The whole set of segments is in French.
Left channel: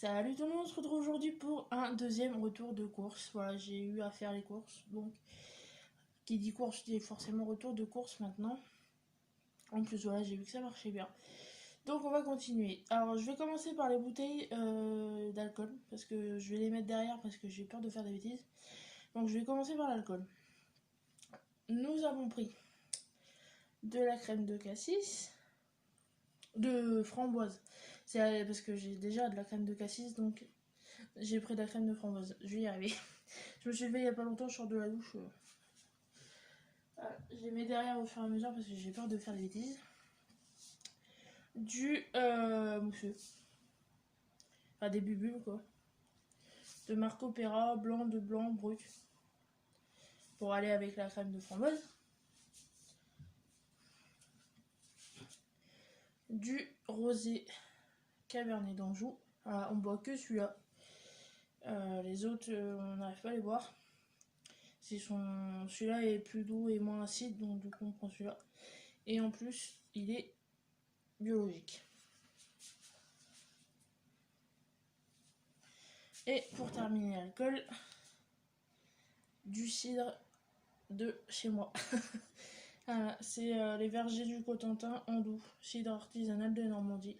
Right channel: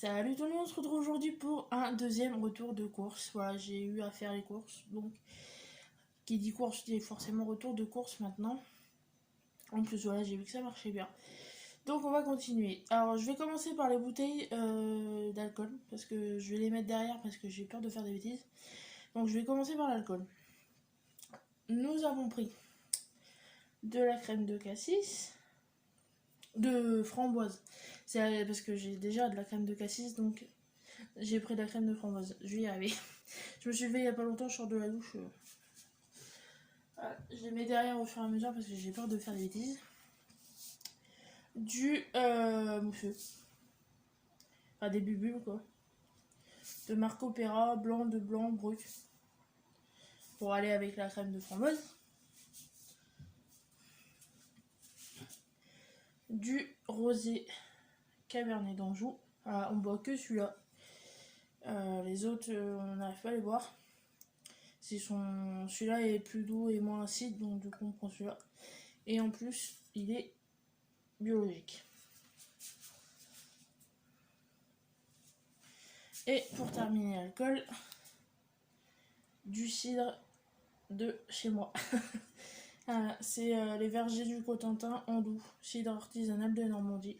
Salut tout le monde, on se retrouve aujourd'hui pour un deuxième retour de course. Voilà, j'ai eu à faire les courses, donc qui dit course dit forcément retour de course maintenant. En plus voilà, j'ai vu que ça marchait bien. Donc on va continuer. Alors je vais commencer par les bouteilles d'alcool, parce que je vais les mettre derrière parce que j'ai peur de faire des bêtises. Donc je vais commencer par l'alcool. Nous avons pris de la crème de cassis, de framboise. C'est parce que j'ai déjà de la crème de cassis, donc j'ai pris de la crème de framboise. Je vais y arriver. Je me suis fait il y a pas longtemps, je sors de la douche. Voilà. Je les mets derrière au fur et à mesure parce que j'ai peur de faire des bêtises. Du mousseux. Enfin des bulles quoi. De Marco Pera, blanc de blanc brut. Pour aller avec la crème de framboise. Du rosé Cabernet d'Anjou. Voilà, on boit que celui-là. Les autres, on n'arrive pas à les boire. Celui-là est plus doux et moins acide, donc du coup on prend celui-là. Et en plus, il est biologique. Et pour terminer l'alcool, du cidre de chez moi. Voilà, c'est les vergers du Cotentin en doux, cidre artisanal de Normandie.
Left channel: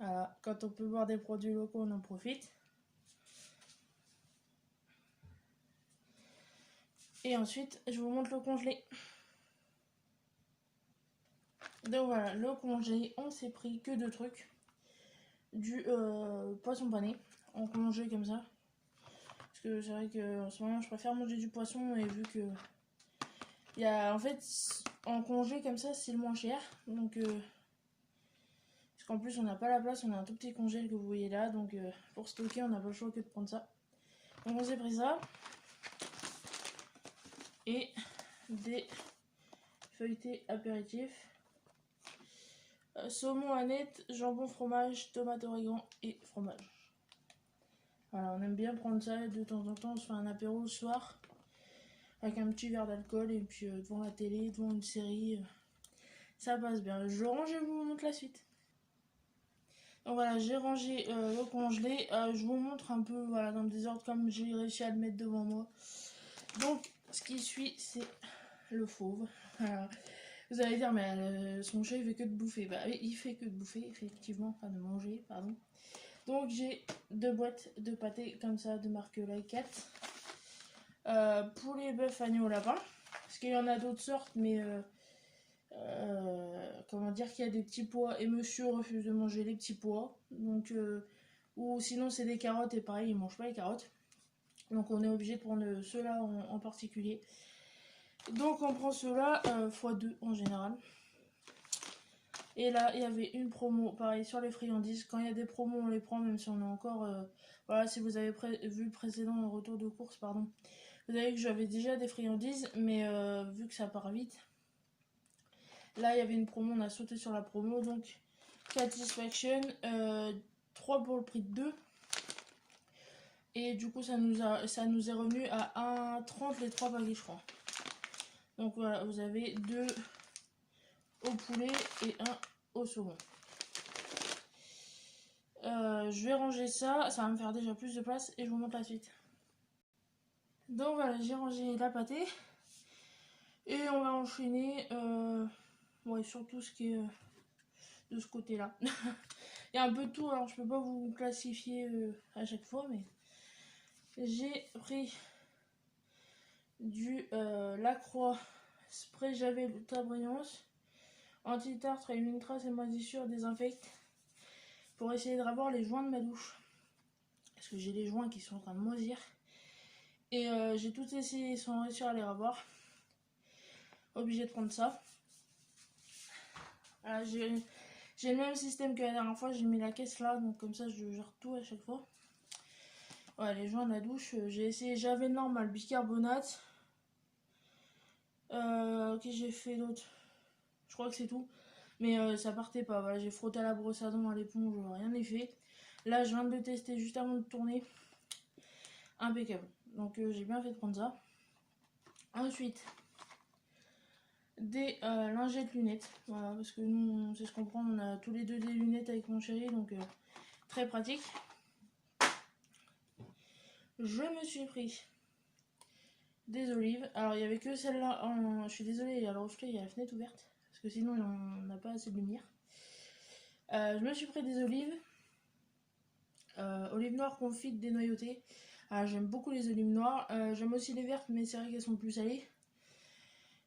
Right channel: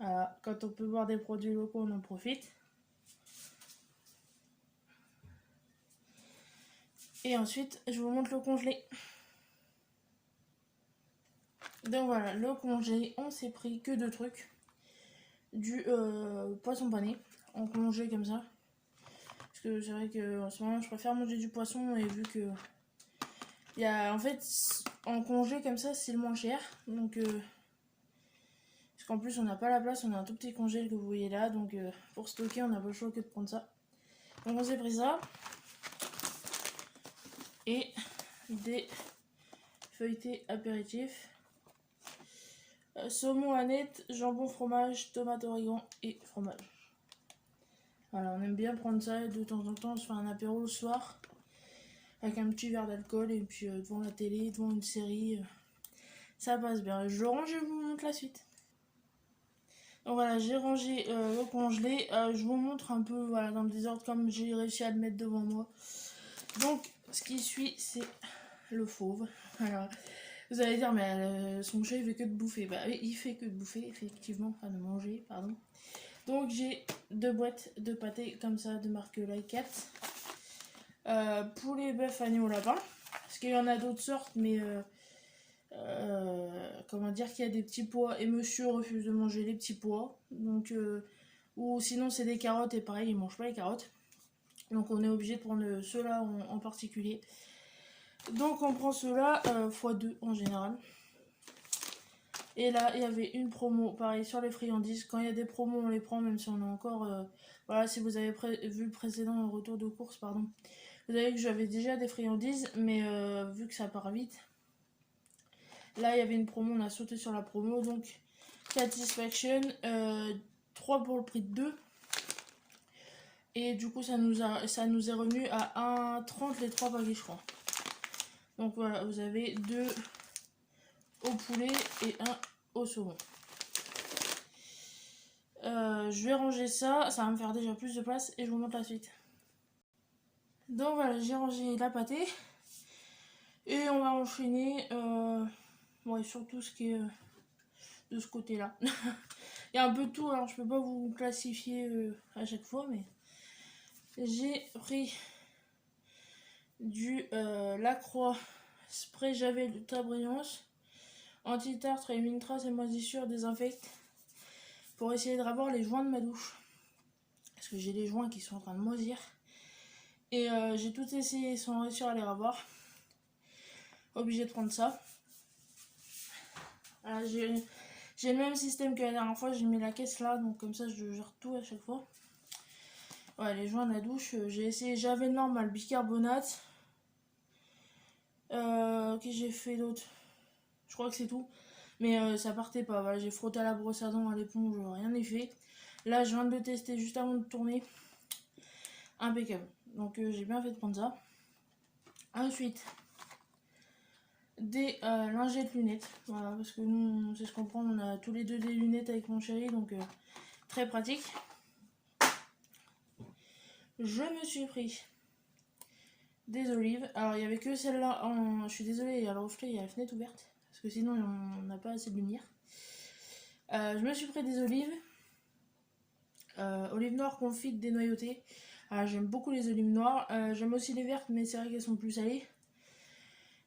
Voilà, quand on peut boire des produits locaux, on en profite. Et ensuite, je vous montre le congelé. Donc voilà, le congelé, on s'est pris que deux trucs. Du poisson pané, en congelé comme ça. Parce que c'est vrai qu'en ce moment, je préfère manger du poisson et vu que... en fait, en congé comme ça, c'est le moins cher. Donc, parce qu'en plus, on n'a pas la place, on a un tout petit congé que vous voyez là. Donc, pour stocker, on n'a pas le choix que de prendre ça. Donc, on s'est pris ça. Et des feuilletés apéritifs. Saumon Annette, jambon, fromage, tomate, origan et fromage. Voilà, on aime bien prendre ça de temps en temps, on se fait un apéro le soir avec un petit verre d'alcool et puis devant la télé, devant une série, ça passe bien. Je le range et je vous montre la suite. Donc voilà, j'ai rangé le congelé, je vous montre un peu voilà, dans le désordre comme j'ai réussi à le mettre devant moi. Donc ce qui suit c'est le fauve. Voilà. Vous allez dire mais son chat il fait que de bouffer. Bah oui, il fait que de bouffer effectivement, enfin de manger pardon. Donc j'ai deux boîtes de pâté comme ça de marque Like poulet, bœuf, agneau, lapin. Parce qu'il y en a d'autres sortes, mais comment dire qu'il y a des petits pois et monsieur refuse de manger les petits pois. Donc, ou sinon c'est des carottes et pareil, il mange pas les carottes. Donc on est obligé de prendre ceux-là en particulier. Donc on prend ceux-là x2 en général. Et là, il y avait une promo, pareil, sur les friandises. Quand il y a des promos, on les prend, même si on a encore... voilà, si vous avez vu le précédent retour de course, pardon. Vous avez vu que j'avais déjà des friandises, mais vu que ça part vite. Là, il y avait une promo, on a sauté sur la promo. Donc, Satisfaction, 3 pour le prix de 2. Et du coup, ça nous est revenu à 1,30 les 3 paquets, je crois. Donc voilà, vous avez 2... au poulet et un au saumon. Je vais ranger ça, ça va me faire déjà plus de place et je vous montre la suite. Donc voilà, j'ai rangé la pâtée et on va enchaîner ouais, sur tout ce qui est de ce côté là. Il y a un peu de tout, alors je peux pas vous classifier à chaque fois, mais j'ai pris du Lacroix spray Javel Ultra Brillance anti-tartre, élimine traces et moisissures, désinfecte pour essayer de ravoir les joints de ma douche parce que j'ai les joints qui sont en train de moisir et j'ai tout essayé sans réussir à les ravoir. Obligé de prendre ça. J'ai le même système que la dernière fois, j'ai mis la caisse là, donc comme ça je gère tout à chaque fois. Ouais, les joints de la douche, j'ai essayé Javel normal, bicarbonate. Ok, j'ai fait d'autres. Je crois que c'est tout. Mais ça partait pas. Voilà, j'ai frotté à la brosse à dents, à l'éponge, rien n'est fait. Là, je viens de le tester juste avant de tourner. Impeccable. Donc j'ai bien fait de prendre ça. Ensuite, des lingettes lunettes. Voilà, parce que nous, on sait ce qu'on prend. On a tous les deux des lunettes avec mon chéri, donc très pratique. je me suis pris des olives. Alors il n'y avait que celle-là, je suis désolée, il y a le reflet, il y a la fenêtre ouverte, parce que sinon on n'a pas assez de lumière. Je me suis pris des olives, olives noires confites dénoyautées. J'aime beaucoup les olives noires, j'aime aussi les vertes, mais c'est vrai qu'elles sont plus salées.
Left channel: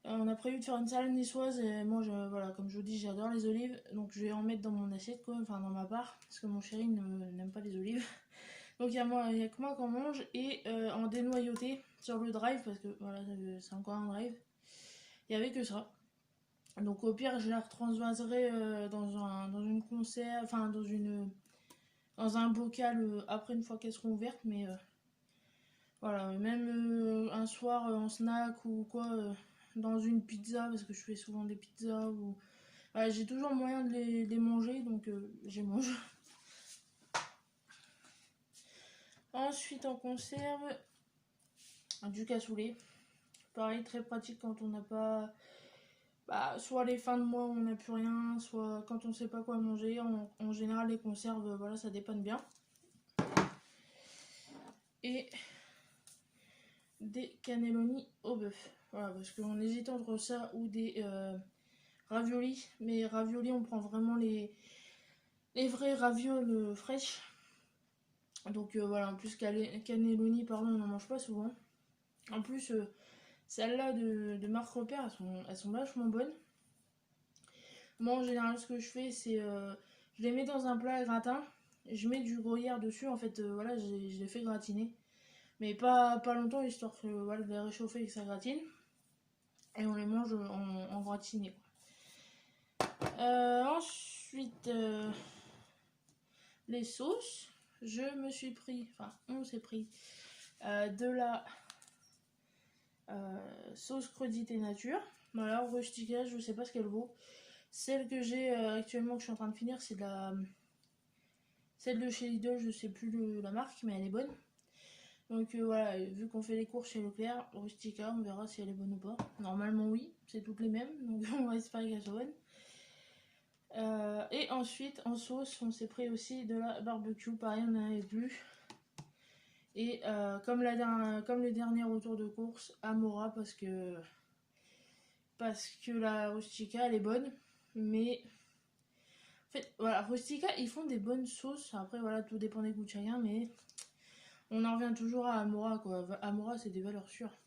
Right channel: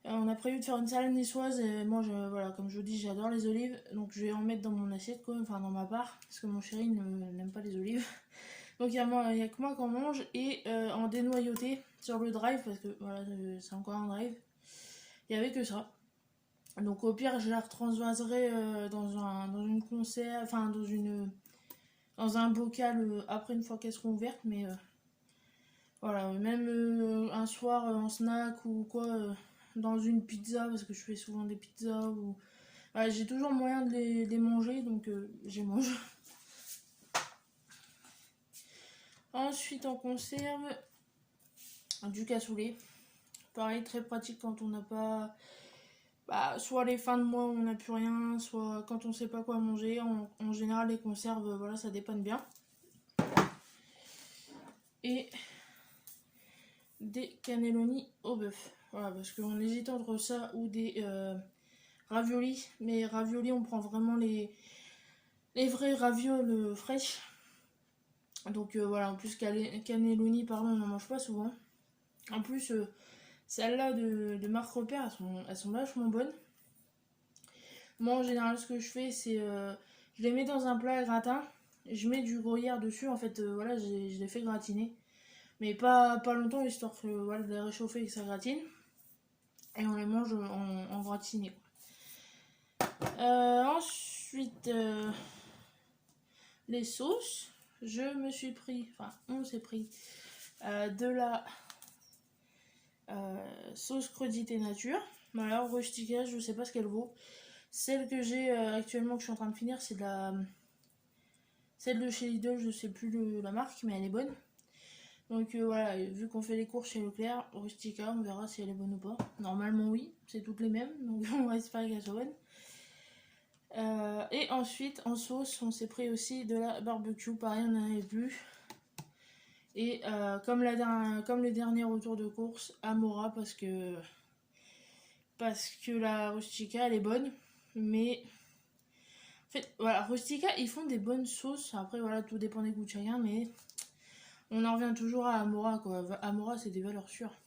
On a prévu de faire une salade niçoise et moi, voilà, comme je vous dis, j'adore les olives, donc je vais en mettre dans mon assiette, quoi, enfin dans ma part, parce que mon chéri n'aime pas les olives. Donc il y a que moi qui en mange, et en dénoyauté sur le drive, parce que voilà, c'est encore un drive, il n'y avait que ça. Donc au pire, je la retransvaserai dans une conserve, enfin dans un bocal après, une fois qu'elles seront ouvertes, mais voilà, même un soir en snack ou quoi, dans une pizza, parce que je fais souvent des pizzas, ou voilà, j'ai toujours moyen de les manger, donc j'y mange. Ensuite, en conserve, du cassoulet. Pareil, très pratique quand on n'a pas... soit les fins de mois où on n'a plus rien, soit quand on sait pas quoi manger. En général, les conserves, voilà, ça dépanne bien. Et des cannelloni au bœuf. Voilà, parce qu'on hésite entre ça ou des raviolis. Mais raviolis, on prend vraiment les vrais ravioles fraîches. Donc voilà, en plus cannelloni, pardon, on n'en mange pas souvent. En plus, celles-là de marque Repère, elles sont vachement bonnes. Moi, en général, ce que je fais, c'est je les mets dans un plat à gratin. Je mets du gruyère dessus. En fait, voilà, je les fais gratiner. Mais pas longtemps, histoire que, voilà, de les réchauffer et que ça gratine. Et on les mange en gratiné. Ensuite, les sauces. Je me suis pris, enfin, on s'est pris de la sauce crudité nature. Voilà, rustica, je sais pas ce qu'elle vaut. Celle que j'ai actuellement, que je suis en train de finir, c'est celle de chez Lidl, je sais plus la marque, mais elle est bonne. Donc voilà, vu qu'on fait les courses chez Leclerc, rustica, on verra si elle est bonne ou pas. Normalement oui, c'est toutes les mêmes, donc on va espérer qu'elle soit bonne. Et ensuite, en sauce, on s'est pris aussi de la barbecue, pareil, on n'en avait plus. Et comme le dernier retour de course, Amora, parce que la rustica, elle est bonne, mais en fait, voilà, rustica, ils font des bonnes sauces. Après, voilà, tout dépend des goûts de chacun, mais on en revient toujours à Amora, quoi. Amora, c'est des valeurs sûres.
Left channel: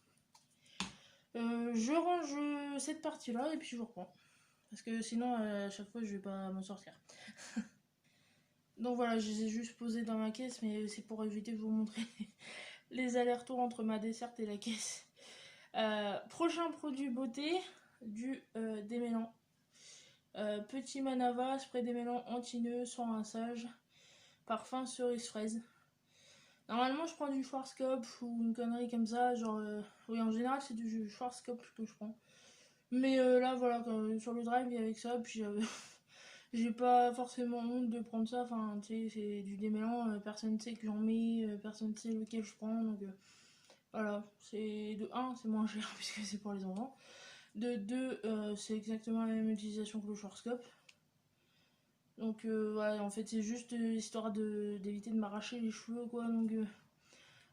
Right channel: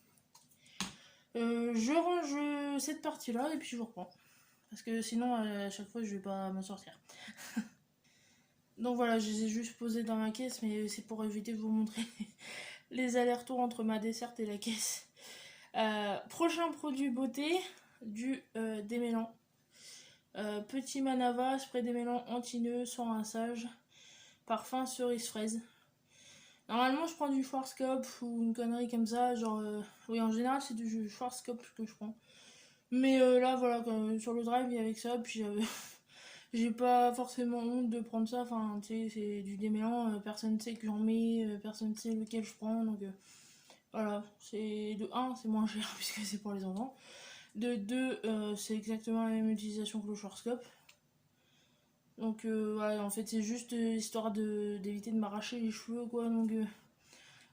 Je range cette partie-là et puis je vous reprends. Parce que sinon, à chaque fois, je vais pas m'en sortir. Donc voilà, je les ai juste posés dans ma caisse, mais c'est pour éviter de vous montrer les allers-retours entre ma desserte et la caisse. Prochain produit beauté, du démêlant. Petit Manava, spray démêlant anti-nœud, sans rinçage, parfum cerise fraise. Normalement, je prends du Schwarzkopf ou une connerie comme ça, genre... oui, en général, c'est du Schwarzkopf que je prends. Mais là, voilà, sur le drive, il y avait que ça, puis j'ai pas forcément honte de prendre ça, enfin, tu sais, c'est du démêlant, personne ne sait que j'en mets, personne ne sait lequel je prends, donc voilà, c'est de 1, c'est moins cher puisque c'est pour les enfants. De 2, c'est exactement la même utilisation que le Schwarzkopf. Donc voilà, en fait c'est juste histoire d'éviter de m'arracher les cheveux, quoi, donc que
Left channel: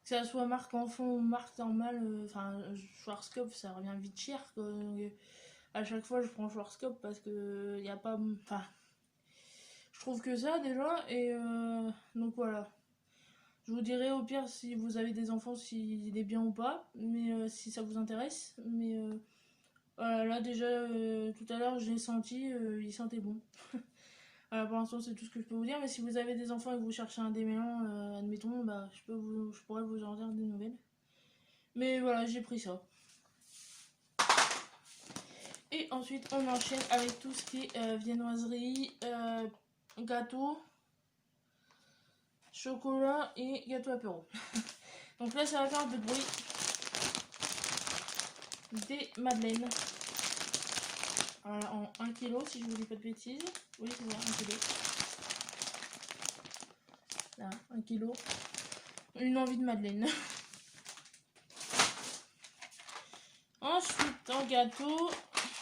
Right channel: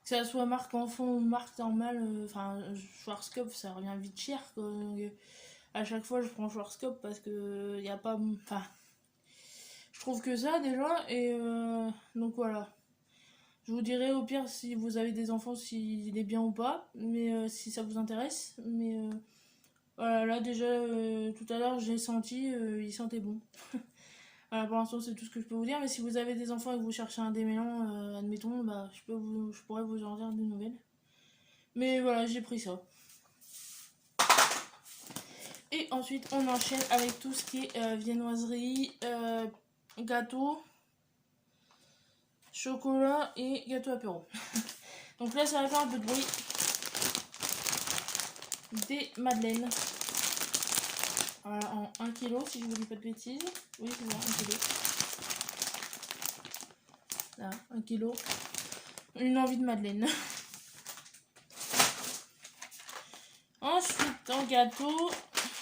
ça soit marque enfant ou marque normale, enfin Schwarzkopf ça revient vite cher, quoi, donc à chaque fois je prends Schwarzkopf parce que y a pas, enfin je trouve que ça déjà, et donc voilà. Je vous dirai au pire si vous avez des enfants s'il est bien ou pas, mais si ça vous intéresse, mais voilà, là déjà tout à l'heure j'ai senti, il sentait bon. Voilà, pour l'instant c'est tout ce que je peux vous dire, mais si vous avez des enfants et que vous cherchez un démêlant, admettons, bah je pourrais vous en dire des nouvelles. Mais voilà, j'ai pris ça. Et ensuite on enchaîne avec tout ce qui est viennoiserie, gâteau, chocolat et gâteau apéro. Donc là ça va faire un peu de bruit. Des madeleines. Voilà, en 1 kg si je vous dis pas de bêtises. Oui, c'est ça, 1 kg. Là, 1 kg. Une envie de madeleine. Ensuite, en gâteau,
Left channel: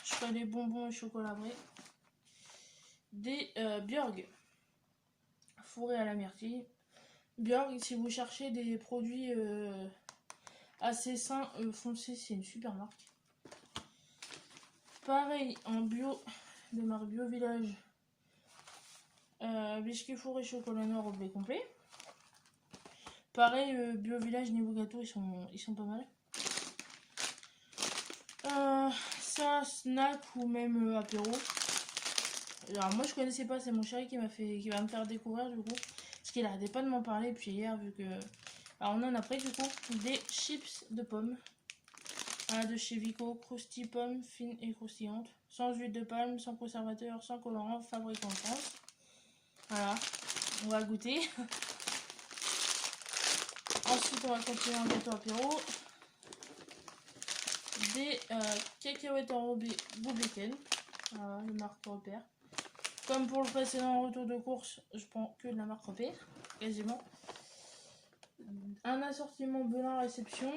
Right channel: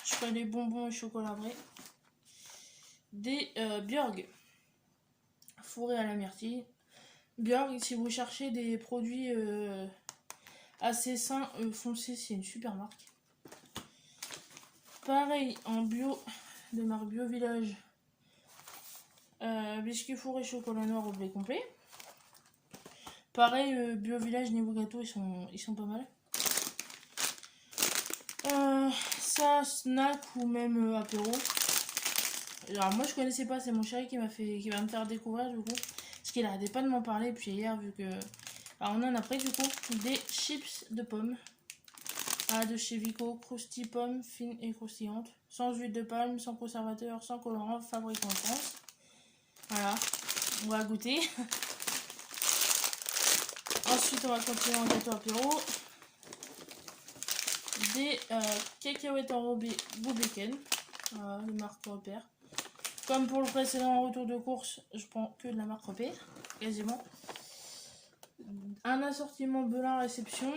je ferai les bonbons et chocolat vrai. Des Björg fourrés à la myrtille. Björk, si vous cherchez des produits assez sains, foncez, c'est une super marque. Pareil, en bio, de marque Bio Village, biscuits fourrés chocolat noir au blé complet. Pareil, Bio Village niveau gâteau, ils sont pas mal. Ça, snack ou même apéro. Alors moi je connaissais pas, c'est mon chéri qui va me faire découvrir du coup. Parce qu'il arrêtait pas de m'en parler, et puis hier vu que... Alors on en a pris du coup des chips de pommes. De chez Vico, Krusty Pommes, fines et croustillantes. Sans huile de palme, sans conservateur, sans colorant, fabriqué en France. Voilà, on va goûter. Ensuite on va continuer en gâteau apéro. Des cacahuètes enrobées Go Bacon. Voilà, de marque Repère. Comme pour le précédent retour de course, je prends que de la marque Repère, quasiment. Un assortiment Belin réception.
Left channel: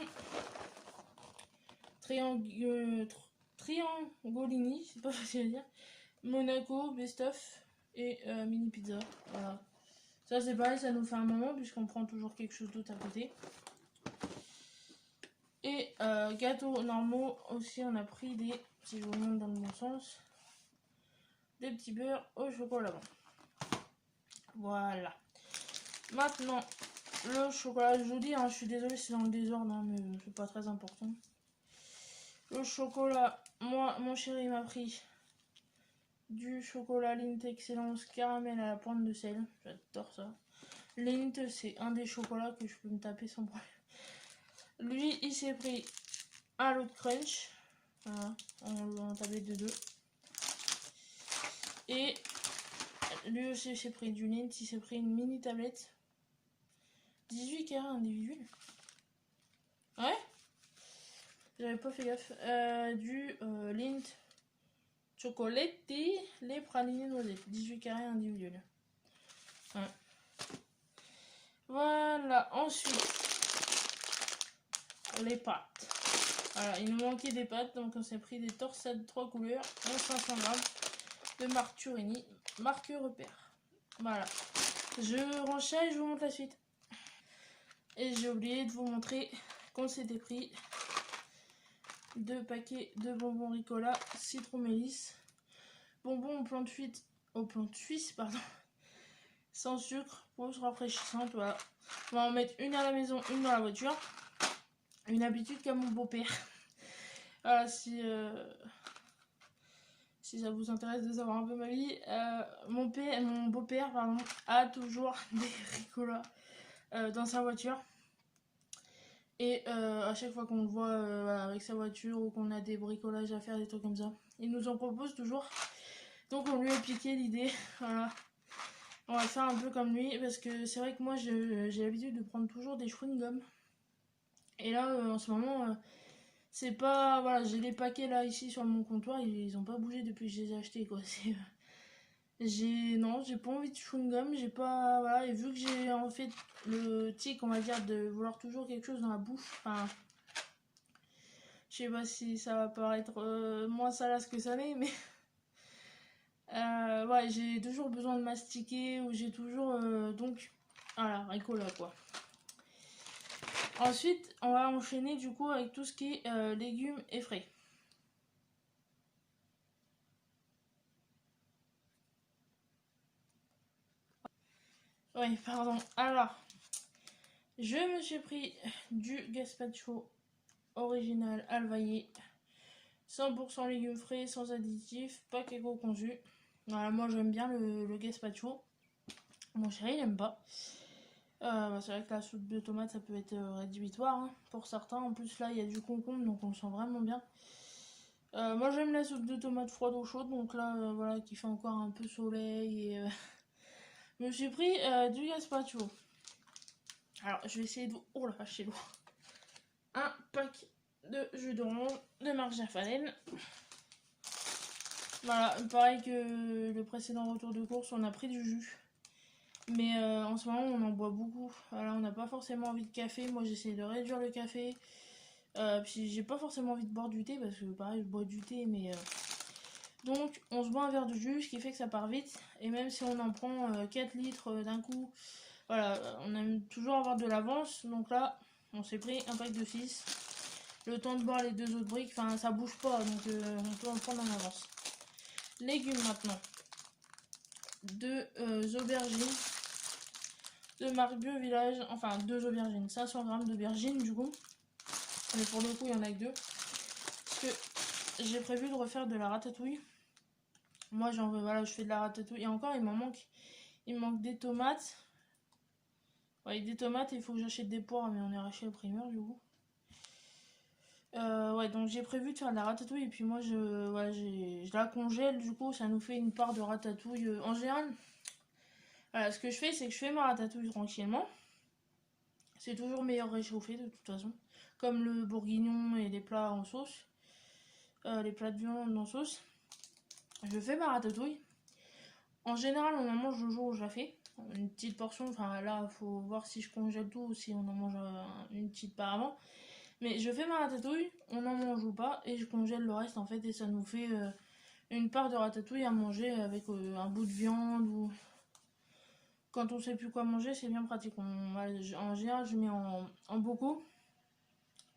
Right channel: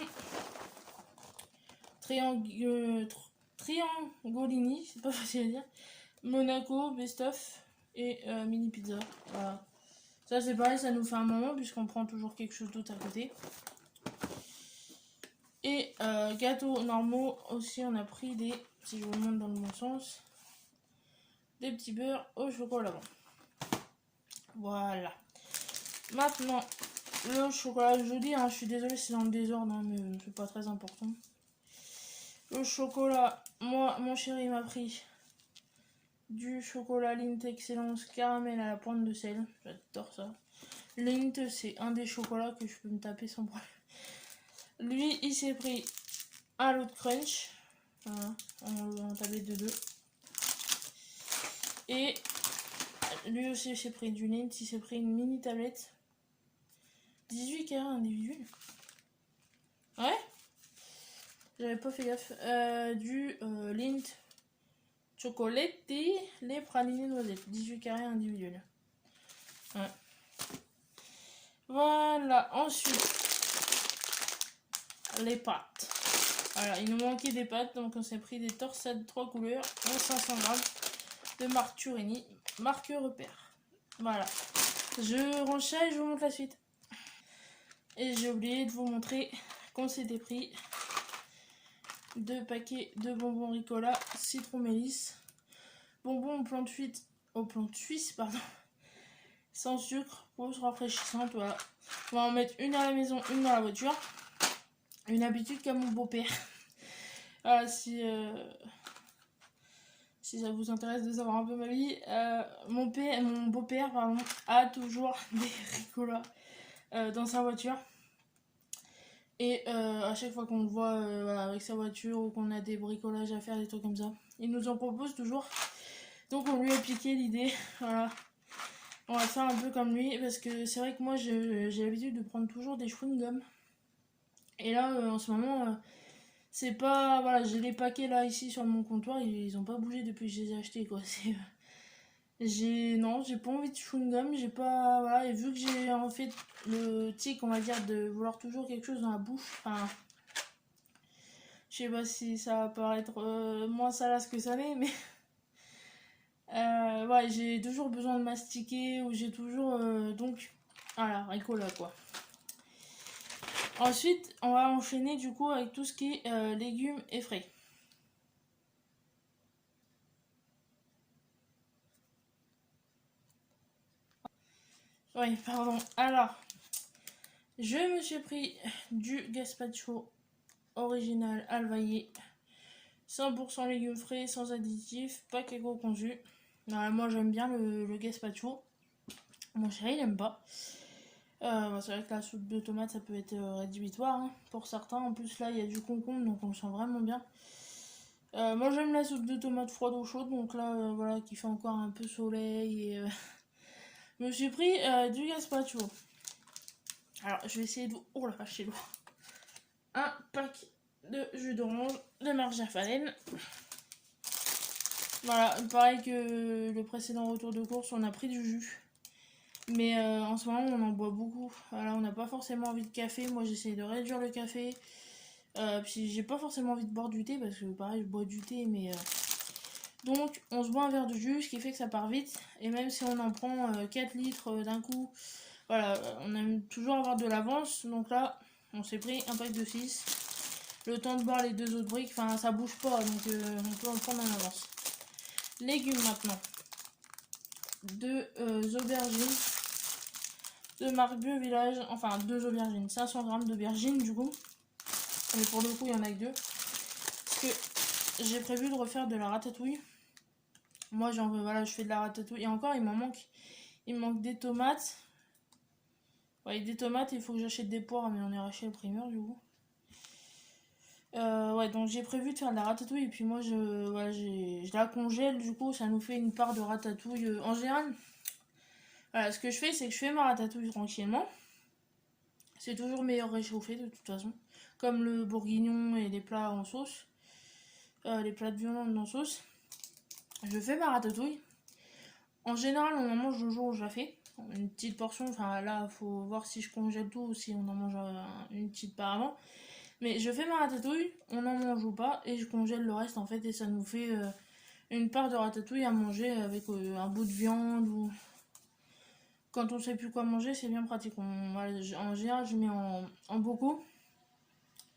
Triangolini, c'est pas facile à dire. Monaco, Best of et mini pizza. Voilà. Ça c'est pareil, ça nous fait un moment puisqu'on prend toujours quelque chose d'autre à côté. Et gâteaux normaux aussi, on a pris des, si je vous montre dans le bon sens, des petits beurres au chocolat. Voilà. Maintenant, le chocolat, je vous dis, hein, je suis désolée, c'est dans le désordre, hein, mais c'est pas très important. Le chocolat, moi, mon chéri m'a pris du chocolat Lindt Excellence caramel à la pointe de sel. J'adore ça. Lindt, c'est un des chocolats que je peux me taper sans problème. Lui, il s'est pris un lot de crunch. Voilà, on tapait de deux. Et lui aussi, il s'est pris du Lindt. Il s'est pris une mini tablette. 18 carrés individuel. Ouais, j'avais pas fait gaffe. Du Lindt Chocoletti, les pralinés noisettes. 18 carrés individuel. Ouais. Voilà, ensuite les pâtes. Voilà, il nous manquait des pâtes, donc on s'est pris des torsades 3 couleurs, 500 grammes de marque Turini, marque Repère. Voilà, je range ça et je vous montre la suite. Et j'ai oublié de vous montrer qu'on s'était pris 2 paquets de bonbons Ricola, citron mélisse, bonbons au plante suisse, pardon, sans sucre, pause rafraîchissante. Voilà. On va en mettre une à la maison, une dans la voiture. Une habitude qu'a mon beau-père. Voilà, si ça vous intéresse de savoir un peu ma vie, mon beau-père a toujours des Ricola dans sa voiture. Et à chaque fois qu'on le voit voilà, avec sa voiture ou qu'on a des bricolages à faire, des trucs comme ça, il nous en propose toujours. Donc on lui a piqué l'idée. Voilà. On va faire un peu comme lui parce que c'est vrai que moi j'ai l'habitude de prendre toujours des chewing-gums. Et là en ce moment c'est pas, voilà, j'ai les paquets là ici sur mon comptoir, ils ont pas bougé depuis que je les ai achetés quoi. J'ai pas envie de chewing-gum, j'ai pas, voilà, et vu que j'ai en fait le tic, on va dire, de vouloir toujours quelque chose dans la bouche, enfin, je sais pas si ça va paraître moins salace que ça n'est, mais ouais, j'ai toujours besoin de mastiquer ou j'ai toujours, donc, voilà, Ricola quoi. Ensuite, on va enchaîner du coup avec tout ce qui est légumes et frais. Oui, pardon. Alors, je me suis pris du gazpacho original Alvaillé. 100% légumes frais, sans additifs, pas qu'éco-conçu. Moi j'aime bien le gazpacho. Mon chéri il aime pas. C'est vrai que la soupe de tomate ça peut être rédhibitoire hein, pour certains. En plus là il y a du concombre donc on le sent vraiment bien. Moi j'aime la soupe de tomate froide ou chaude donc là voilà qui fait encore un peu soleil et je me suis pris du gazpacho. Alors je vais essayer de... Oh la vache c'est lourd. Un pack de jus d'orange de marque Jafalen. Voilà, pareil que le précédent retour de course, on a pris du jus. Mais en ce moment, on en boit beaucoup. Voilà, on n'a pas forcément envie de café. Moi, j'essaie de réduire le café. Puis j'ai pas forcément envie de boire du thé parce que pareil, je bois du thé. Mais donc, on se boit un verre de jus, ce qui fait que ça part vite. Et même si on en prend 4 litres d'un coup Voilà, on aime toujours avoir de l'avance. Donc là, on s'est pris un pack de 6. Le temps de boire les 2 autres briques, enfin ça bouge pas, donc on peut en prendre en avance. Légumes maintenant. 2 aubergines de marque Bio Village, enfin 2 aubergines, 500 grammes d'aubergines du coup. Mais pour le coup, il y en a que 2. Parce que j'ai prévu de refaire de la ratatouille. Moi, voilà, je fais de la ratatouille. Et encore, il me manque des tomates. Ouais, des tomates, il faut que j'achète des poires, mais on est chez le primeur du coup. Ouais, donc j'ai prévu de faire de la ratatouille. Et puis moi, je la congèle. Du coup, ça nous fait une part de ratatouille. En général, voilà, ce que je fais, c'est que je fais ma ratatouille tranquillement. C'est toujours meilleur réchauffé de toute façon. Comme le bourguignon et les plats en sauce. Les plats de viande en sauce. Je fais ma ratatouille. En général, on en mange le jour où je la fais. Une petite portion, enfin là, faut voir si je congèle tout ou si on en mange une petite part avant. Mais je fais ma ratatouille, on en mange ou pas, et je congèle le reste en fait, et ça nous fait une part de ratatouille à manger avec un bout de viande ou. Quand on sait plus quoi manger, c'est bien pratique. En général, je mets en bocaux,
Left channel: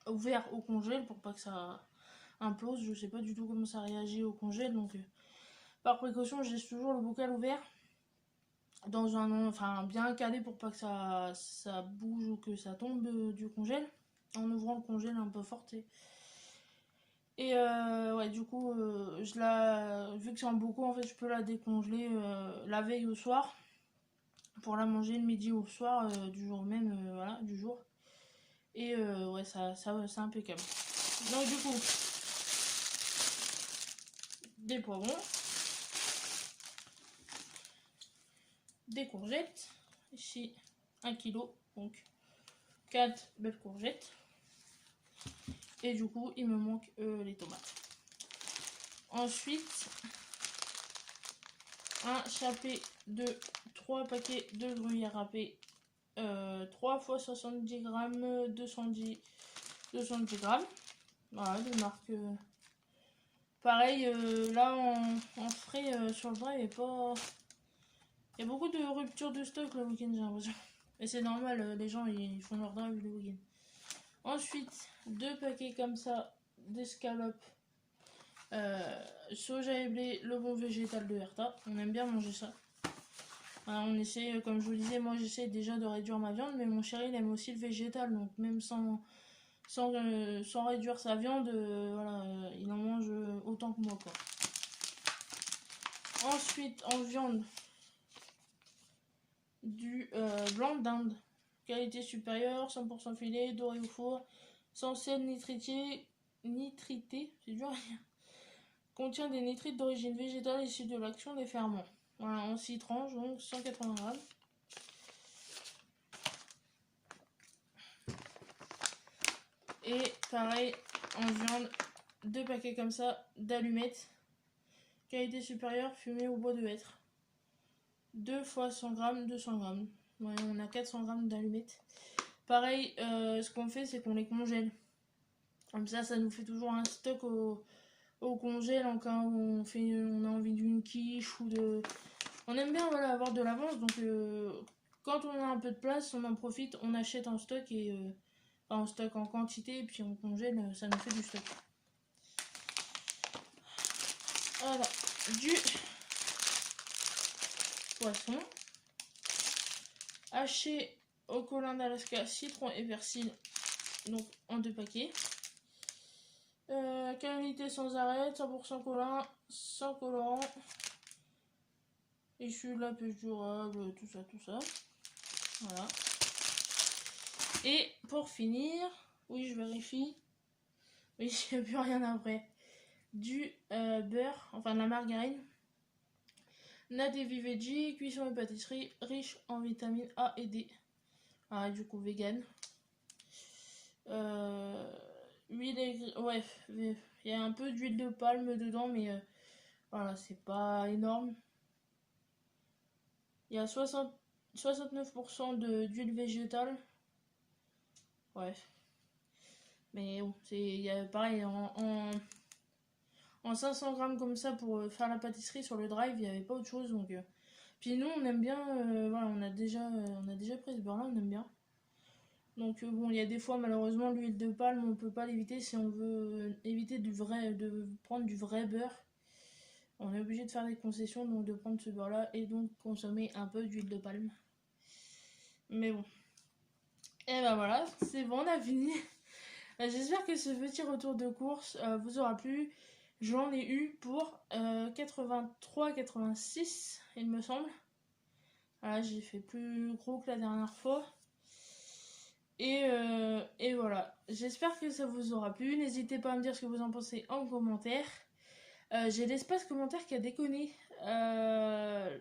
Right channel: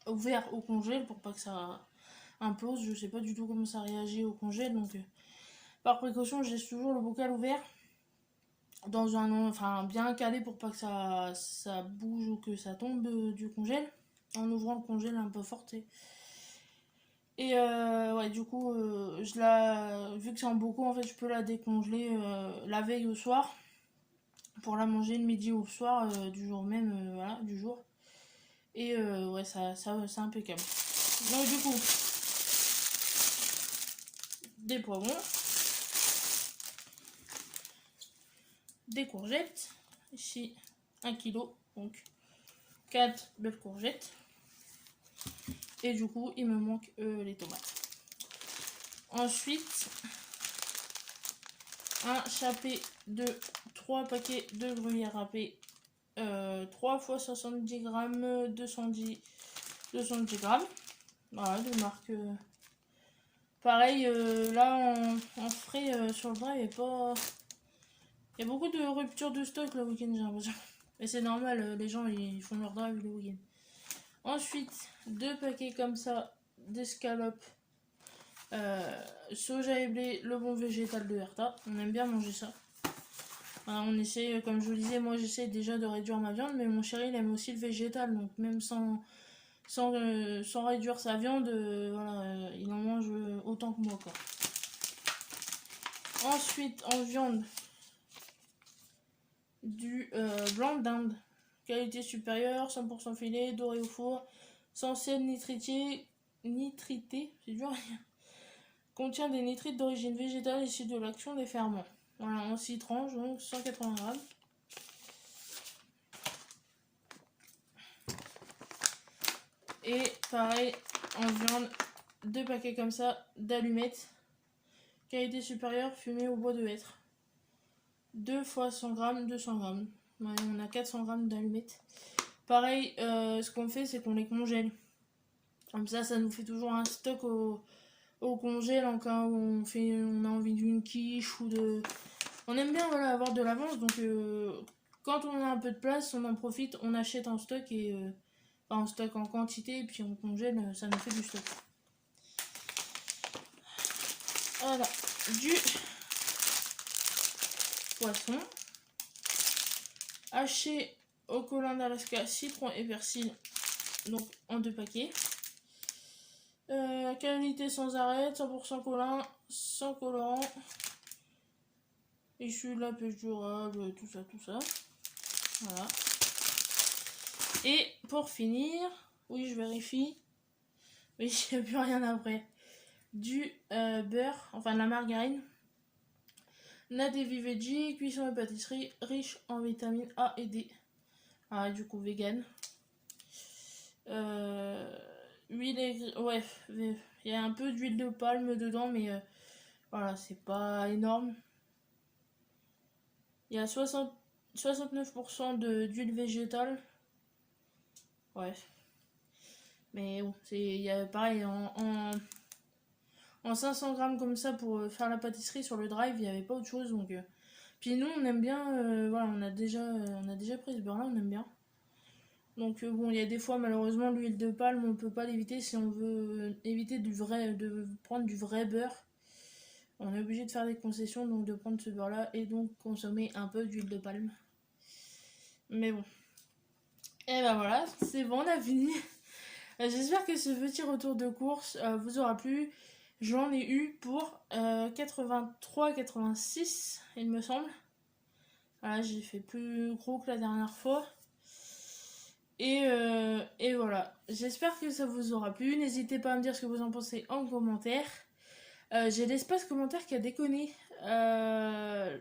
ouvert au congèle pour pas que ça implose. Je sais pas du tout comment ça réagit au congèle, donc par précaution, je laisse toujours le bocal ouvert dans enfin bien calé pour pas que ça bouge ou que ça tombe du congèle, en ouvrant le congèle un peu fort. Et ouais, du coup, vu que c'est en bocaux, en fait, je peux la décongeler la veille au soir pour la manger le midi ou le soir du jour même, voilà, du jour. Et ouais, ça c'est impeccable. Donc du coup, des poivrons, des courgettes, ici 1 kg, donc 4 belles courgettes. Et du coup, il me manque les tomates. Ensuite, un chapé de 3 paquets de gruyère râpée. 3 x 70 grammes, 210 grammes. Voilà, de marque. Pareil, là en frais sur le drive, il y a beaucoup de ruptures de stock le week-end, j'ai l'impression. Et c'est normal, les gens ils font leur drive le week-end. Ensuite, 2 paquets comme ça d'escalopes. Soja et blé, le bon végétal de Herta. On aime bien manger ça. Voilà, on essaie, comme je vous le disais, moi j'essaie déjà de réduire ma viande, mais mon chéri il aime aussi le végétal, donc même sans réduire sa viande, voilà, il en mange autant que moi, quoi. Ensuite, en viande, du blanc d'Inde, qualité supérieure, 100% filet, doré au four, sans sel nitrité, c'est dur à dire. Contient des nitrites d'origine végétale issus de l'action des ferments. Voilà, en 6 tranches, donc 180 grammes. Et pareil, en viande, 2 paquets comme ça d'allumettes. Qualité supérieure, fumée au bois de hêtre. 2 fois 100 grammes, 200 grammes. Ouais, on a 400 grammes d'allumettes. Pareil, ce qu'on fait, c'est qu'on les congèle. Comme ça nous fait toujours un stock au congèle en cas où on a envie d'une quiche ou de. On aime bien, voilà, avoir de l'avance, donc quand on a un peu de place, on en profite, on achète en stock et en stock en quantité et puis on congèle, ça nous fait du stock. Voilà, du poisson haché au collant d'Alaska, citron et persil, donc en 2 paquets. Qualité sans arrêt, 100% collant, sans colorant, issu de la pêche durable, tout ça. Voilà. Et pour finir, oui, je vérifie, mais il n'y a plus rien après. Du beurre, enfin de la margarine. Nadevi Veggie, cuisson et pâtisserie, riche en vitamines A et D. Ah, du coup, vegan. Huile, ouais, il y a un peu d'huile de palme dedans, mais voilà, c'est pas énorme. Il y a 69% d'huile végétale. Ouais. Mais bon, il y a pareil, en 500 grammes comme ça pour faire la pâtisserie sur le drive, il n'y avait pas autre chose. Donc Puis nous on aime bien, voilà, on a déjà pris ce beurre là, on aime bien. Donc bon, il y a des fois malheureusement l'huile de palme on peut pas l'éviter si on veut éviter de prendre du vrai beurre. On est obligé de faire des concessions, donc de prendre ce beurre là et donc consommer un peu d'huile de palme. Mais bon. Et ben voilà, c'est bon, on a fini. J'espère que ce petit retour de course vous aura plu. J'en ai eu pour 83-86, il me semble. Voilà, j'ai fait plus gros que la dernière fois. Et voilà, j'espère que ça vous aura plu. N'hésitez pas à me dire ce que vous en pensez en commentaire. J'ai l'espace commentaire qui a déconné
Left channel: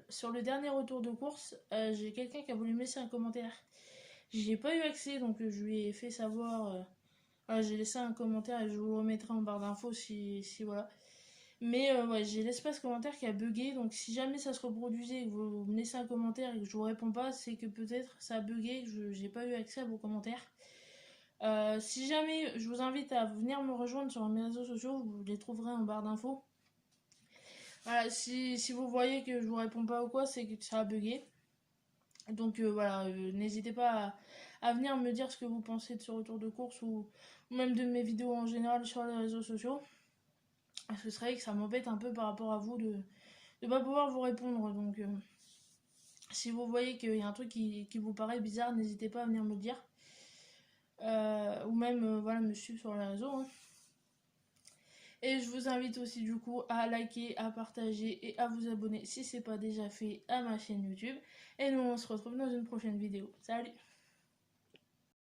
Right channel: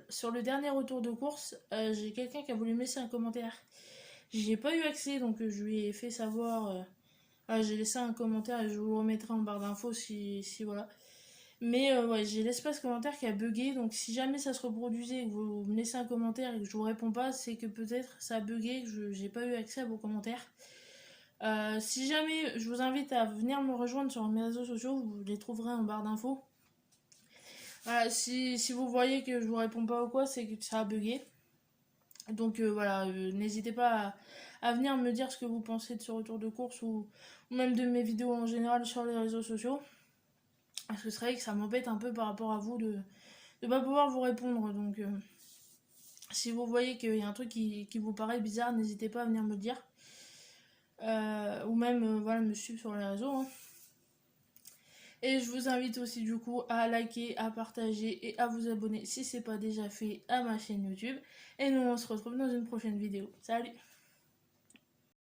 sur le dernier retour de course. J'ai quelqu'un qui a voulu me laisser un commentaire. J'y ai pas eu accès, donc je lui ai fait savoir. J'ai laissé un commentaire et je vous le remettrai en barre d'infos si voilà. Mais ouais, j'ai l'espace commentaire qui a bugué, donc si jamais ça se reproduisait et que vous me laissez un commentaire et que je vous réponds pas, c'est que peut-être ça a bugué, que j'ai pas eu accès à vos commentaires. Si jamais, je vous invite à venir me rejoindre sur mes réseaux sociaux, vous les trouverez en barre d'infos. Voilà, si vous voyez que je vous réponds pas ou quoi, c'est que ça a bugué. Donc voilà, n'hésitez pas à venir me dire ce que vous pensez de ce retour de course ou même de mes vidéos en général sur les réseaux sociaux. Parce que c'est vrai que ça m'embête un peu par rapport à vous de ne pas pouvoir vous répondre. Donc si vous voyez qu'il y a un truc qui vous paraît bizarre, n'hésitez pas à venir me le dire. Ou même voilà, me suivre sur les réseaux. Hein. Et je vous invite aussi du coup à liker, à partager et à vous abonner si c'est pas déjà fait à ma chaîne YouTube. Et nous on se retrouve dans une prochaine vidéo. Salut!